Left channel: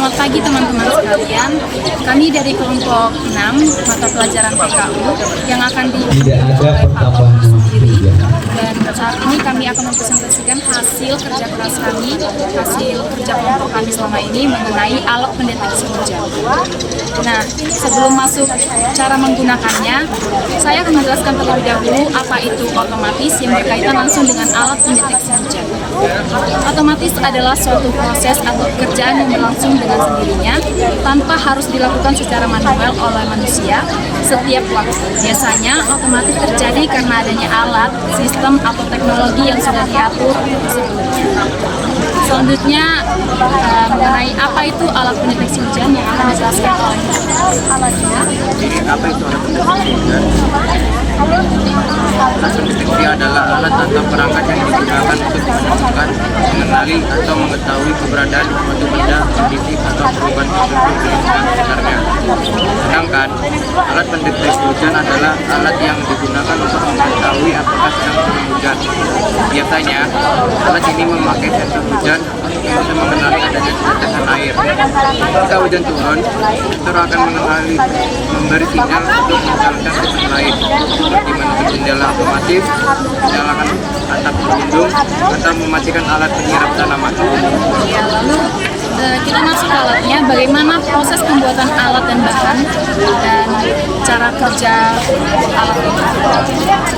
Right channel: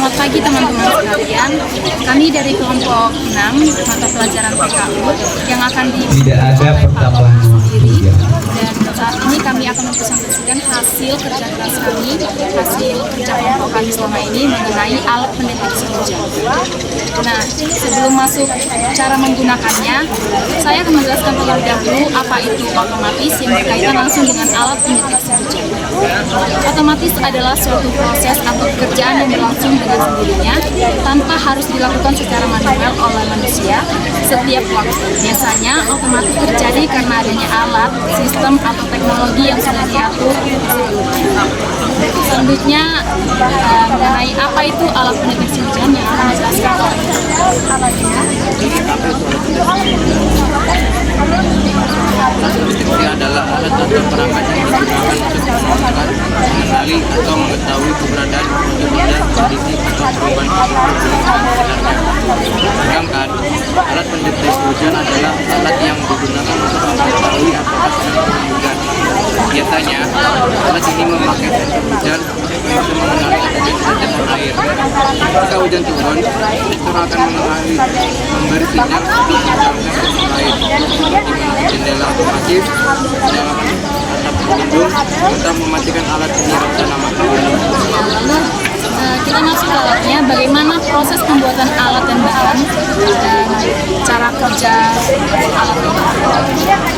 Selamat pagi teman-teman sekalian. Kami dari kelompok 6 mata pelajaran PKU yang akan diikuti oleh Pak Topus sendiri. Dan saat ini kami akan mempresentasikan hasil kerja keras kami, hasil kerja kelompok kami selama ini mengenai alat pendeteksi hujan. Nah, sebelum masuk cara menggunakannya, saya akan menjelaskan terlebih dahulu apa itu otomatis yang berkaitan langsung dengan alat pendeteksi hujan. Otomatis adalah suatu proses atau pekerjaan yang berlangsung dengan sendirinya tanpa harus dilakukan secara manual oleh manusia setiap waktu. Biasanya otomatis terjadi karena adanya alat, sistem atau teknologi yang sudah diatur sebelumnya. Selanjutnya mengenai apa itu alat pendeteksi hujan yang akan dijelaskan oleh alatnya. Apa itu alat pendeteksi hujan? Alat pendeteksi adalah alat atau perangkat yang digunakan untuk menemukan, mengenali, atau mengetahui keberadaan suatu benda, kondisi, atau perubahan tertentu di lingkungan sekitarnya. Sedangkan alat pendeteksi hujan adalah alat yang digunakan untuk mengetahui apakah sedang turun hujan. Biasanya, alat ini memakai sensor hujan yang bisa mengenali adanya tetesan air. Jika hujan turun, sensor akan memberi sinyal untuk menjalankan sistem lain, seperti menutup jendela otomatis, menyalakan atap pelindung, atau mematikan alat penyiram tanaman. Lalu kita masuk ke alatnya, bagaimana proses pembuatan alat dan bahan dan cara kerja alat ini.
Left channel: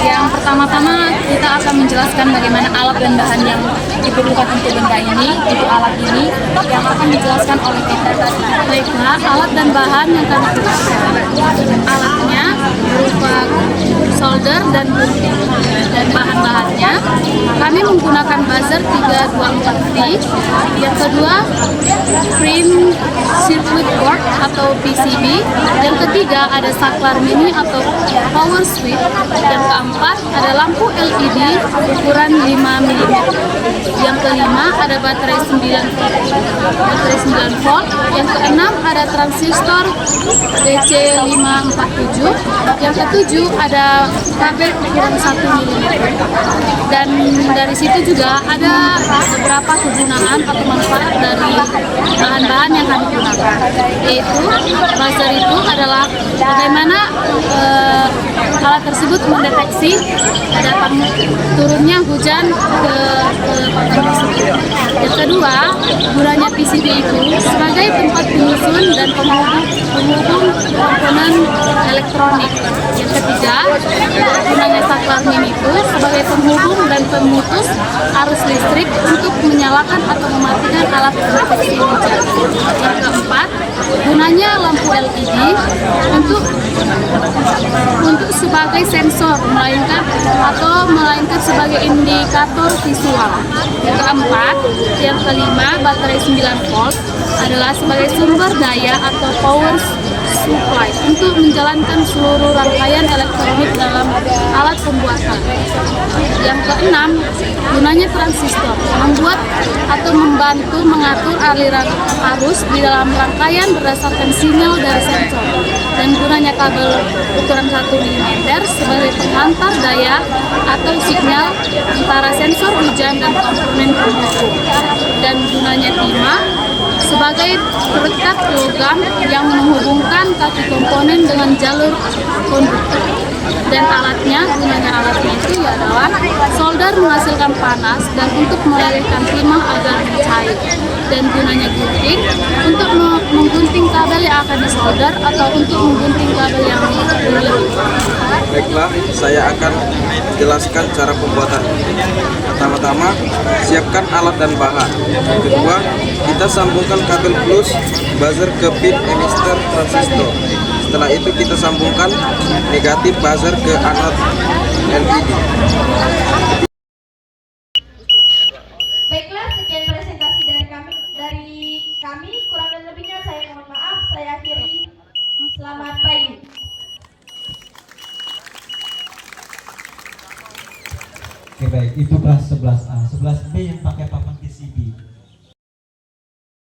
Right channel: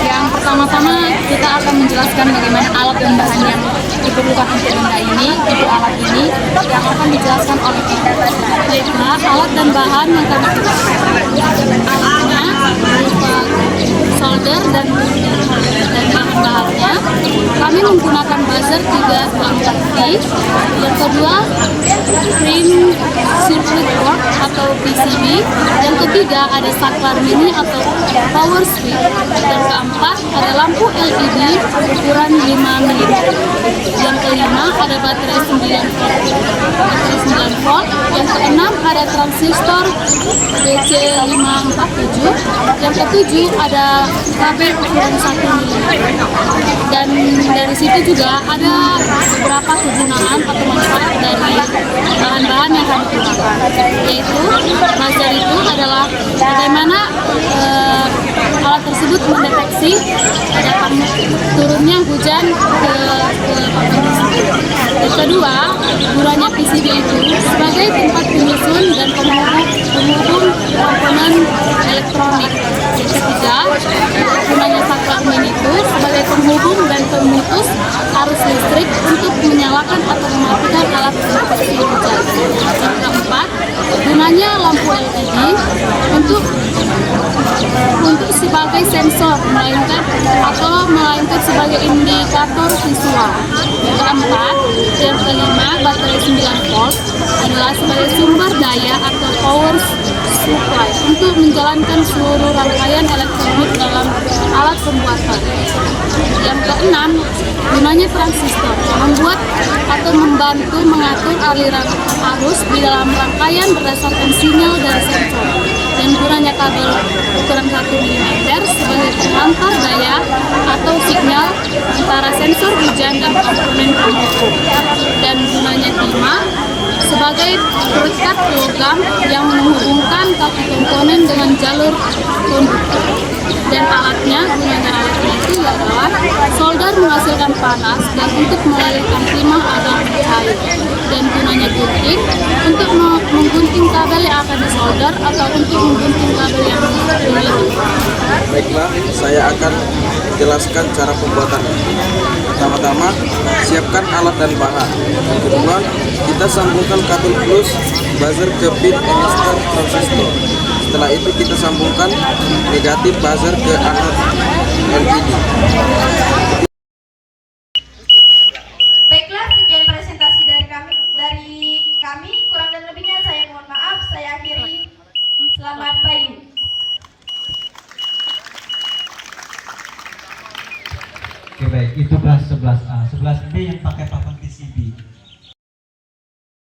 Yang pertama-tama kita akan menjelaskan bagaimana alat dan bahan yang diperlukan untuk benda ini, untuk alat ini, yang akan dijelaskan oleh kita. Baiklah, alat dan bahan yang kami gunakan. Alatnya berupa solder dan bahan-bahannya. Kami menggunakan buzzer 324V. Yang kedua, print circuit board atau PCB. Yang ketiga ada saklar mini atau power switch. Yang keempat ada lampu LED ukuran 5 mm. Yang kelima ada baterai 9 volt. Yang keenam ada transistor DC547. Yang ketujuh ada kabel ukuran 1 mm. Dan dari situ juga ada beberapa kegunaan atau manfaat dari bahan-bahan yang kami gunakan, yaitu buzzer itu adalah bagaimana alat tersebut mendeteksi datang turunnya hujan ke papan tersebut. Yang kedua, gunanya PCB itu sebagai tempat penyusun dan penghubung komponen elektronik. Yang ketiga, gunanya saklar mini itu sebagai penghubung dan pemutus arus listrik untuk menyalakan atau mematikan alat pendeteksi hujan. Yang keempat, gunanya lampu LED untuk sebagai sensor melainkan sebagai indikator visual. Yang keempat, yang kelima, baterai 9 volt adalah sebagai sumber daya atau power supply untuk menjalankan seluruh rangkaian elektronik dalam alat pembuatan. Yang keenam, gunanya transistor, membuat atau membantu mengatur aliran arus di dalam rangkaian berdasarkan sinyal dari sensor. Dan gunanya kabel ukuran 1 mm sebagai pengantar daya atau sinyal antara sensor hujan dan komponen penghubung. Dan gunanya timah sebagai perekat logam yang menghubungkan kaki komponen dengan jalur konduktor. Dan gunanya alatnya itu adalah solder menghasilkan panas dan untuk melelehkan timah agar cair. Dan gunanya gunting untuk menggunting kabel yang akan disolder atau untuk menggunting kabel yang belum. Baiklah, saya akan menjelaskan cara pembuatannya. Pertama-tama, siapkan alat dan bahan. Kedua, kita sambungkan kabel plus buzzer ke pin emitter transistor. Setelah itu kita sambungkan negatif buzzer ke anode LED.